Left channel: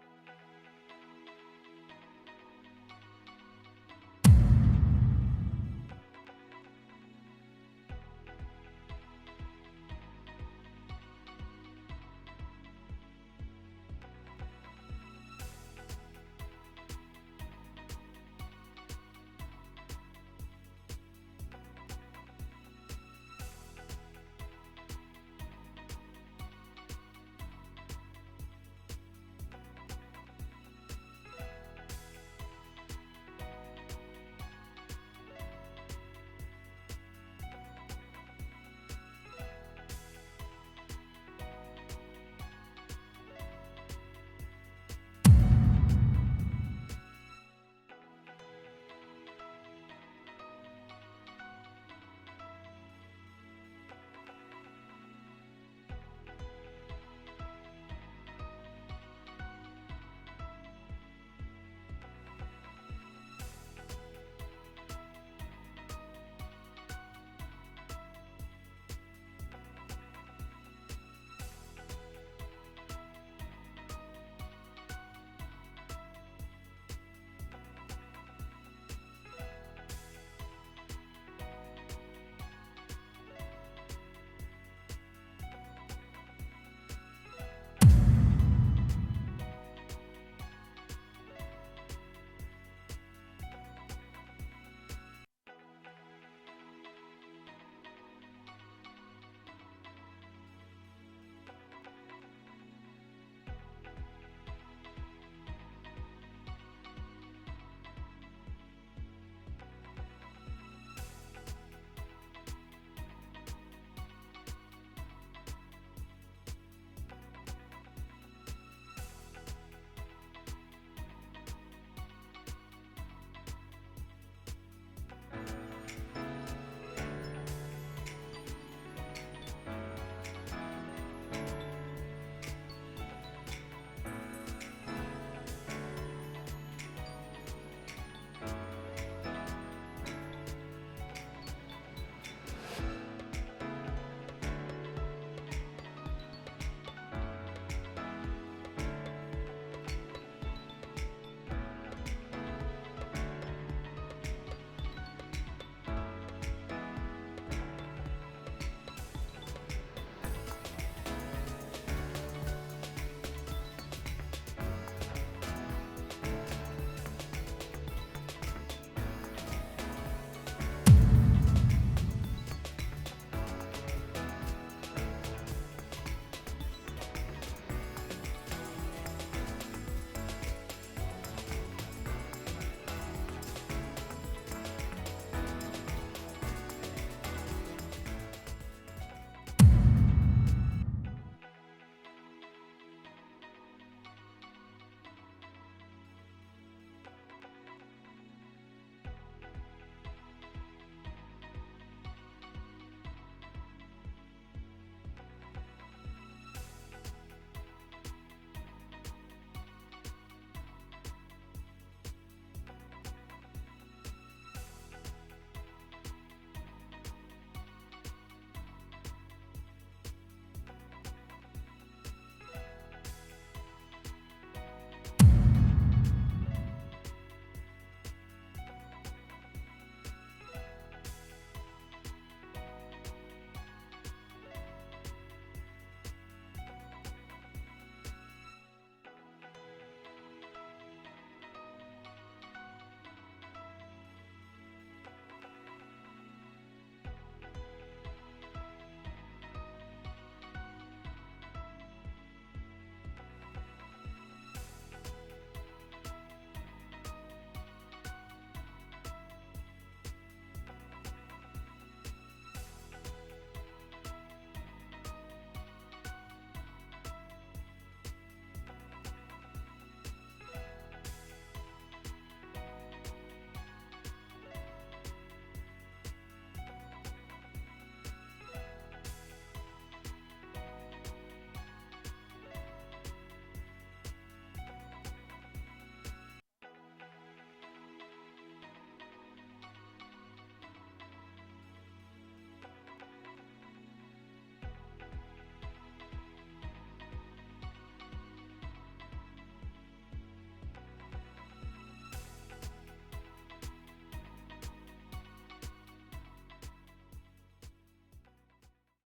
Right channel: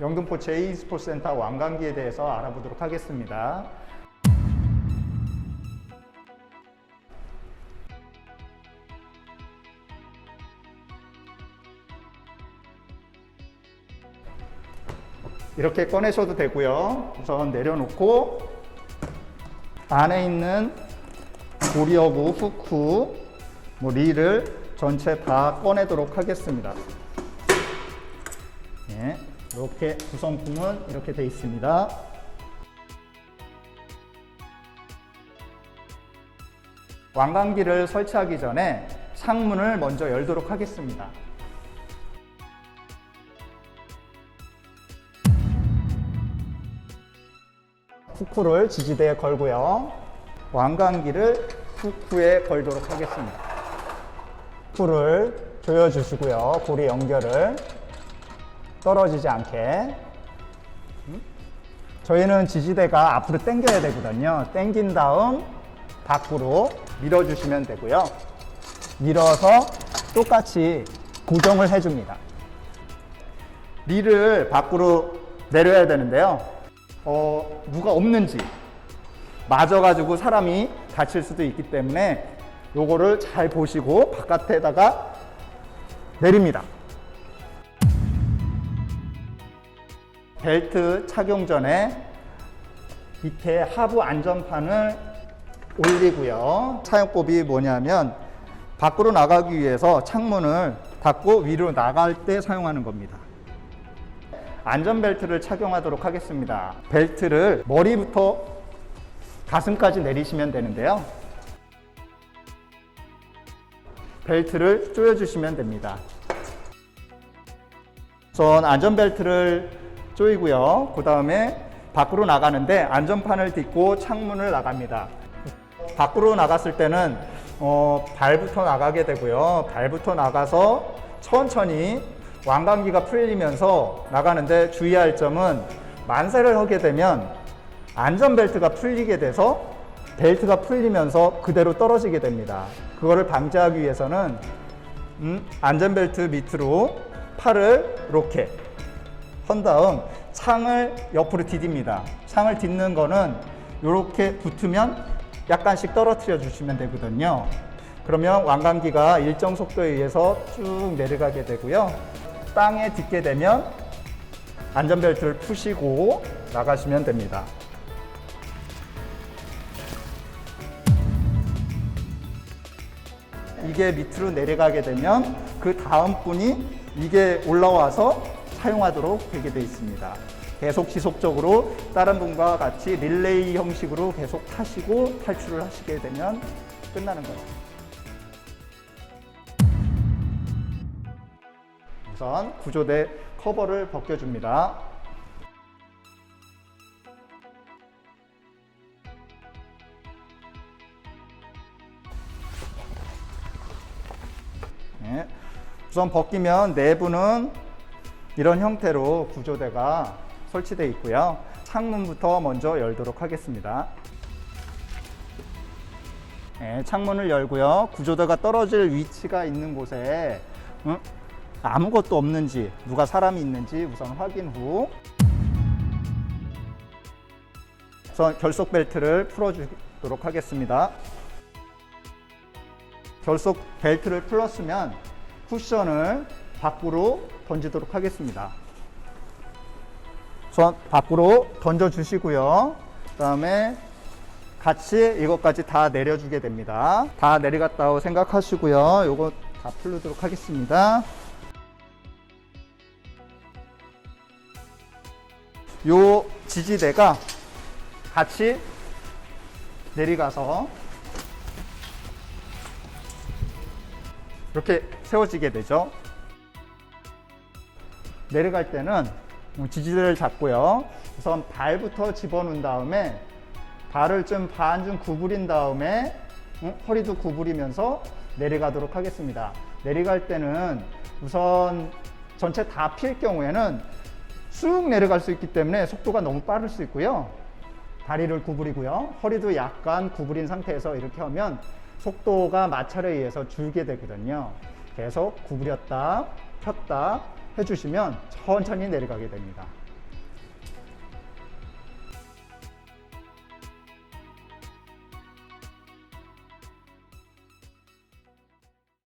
영등포 제2스포츠센터 완강기에 대해서 알아보도록 하겠습니다. 이렇게 꺼내셔도 되고요. 우선 내려놓고 안에 있는 고리어구, 후크, 뭐 릴을 전체 다 꺼내도록 하겠습니다. 네, 이렇게 구성품은 이렇게 되어 있습니다. 왕관기를 설치하기 전에 창문을 먼저 열도록 하겠습니다. 후크를 지지대에 걸고요. 왕관기를 후크에 걸도록 하겠습니다. 후크를 조여주시고요. 고리 연결을 떨어지지 않게. 음? 저희는 지지대가 앞으로 당겨야 되거든요. 당긴 다음 밖으로 밀어주시면 되고요. 밀어서 똑같이 고정을 해줍니다. 릴을 밖으로 내려야 되는데요. 어, 누가 없는지 맞아가지고 사람이 다칠 수도 있기 때문에 요거를 잘 보시고 바깥에다가 내립니다. 벨트 착용 전에 밑에 하부 안전판을 올리고요. 사용법이 뭐냐면 밖으로 나가기 위해서 창문을 닫고 위로 나갈 때 사용하는 겁니다. 안전벨트를 착용하도록 하겠습니다. 벨트를 머리부터 가슴까지 내리시면 되는데요. 벨트를 조여주시면 됩니다. 우선 안전벨트를 조이고요. 그 다음에 밖으로 나가는데 안전판을 딛고 창문을 나갑니다. 밖으로 나갔을 때는 어, 발부터 나가게 되고요. 발부터 나가서 천천히 왕관기가 풀리면서 나가는데 주의할 점은 만세를 하게 되면 안전벨트가 풀리게 돼서 벨트가 풀리면서 그대로 떨어지게 됩니다. 그거를 방지하기 위해서는 음, 안전벨트 밑으로 팔을 이렇게 한 다음 창을 옆으로 디딥니다. 창을 딛는 거는 이렇게 붙으면 약간씩 떨어뜨려 주시면 되거든요. 그러면 왕관기가 일정 속도에 의해서 쭉 내려가게 되고요. 땅에 딛게 되면 안전벨트를 푸시고 나가시면 됩니다. 이게 밑으로 내려가게 되면 그 다음 분이 이게 올라와서 사용하도록 되게 되어 있습니다. 계속 지속적으로 다른 분과 같이 릴레이 형식으로 계속 타시고 탈출을 하시게 되면 끝나는 겁니다. 우선 구조대 커버를 벗겨줍니다. 네. 우선 벗기면 내부는 이런 형태로 구조대가 설치되어 있고요. 창문부터 먼저 열도록 하겠습니다. 네, 창문을 열고요. 구조대가 떨어질 위치가 있는 곳에 응? 아무것도 없는지 누가 사람이 있는지 우선 확인 후 우선 결속 벨트를 풀어주도록 하겠습니다. 결속 벨트를 풀었으면 쿠션을 밖으로 던지도록 하겠습니다. 우선 밖으로 던져 주시고요. 그 다음에 같이 이것까지 다 내려주게 됩니다. 다 내려갔다고 생각하시고요. 요거 다 풀도록 하겠습니다. 요 지지대가 같이 내려가서 이렇게 세워지게 되죠. 내려갈 때는 지지대를 잡고요. 우선 발부터 집어넣은 다음에 발을 좀 반쯤 구부린 다음에 응? 허리도 구부리면서 내려가도록 하겠습니다. 내려갈 때는 우선 전체 다필 경우에는 쑥 내려갈 수 있기 때문에 속도가 너무 빠를 수 있고요. 다리를 구부리고요. 허리도 약간 구부린 상태에서 이렇게 하면 속도가 마찰에 의해서 줄게 되거든요. 계속 구부렸다 폈다 해주시면 천천히 내려가게 됩니다.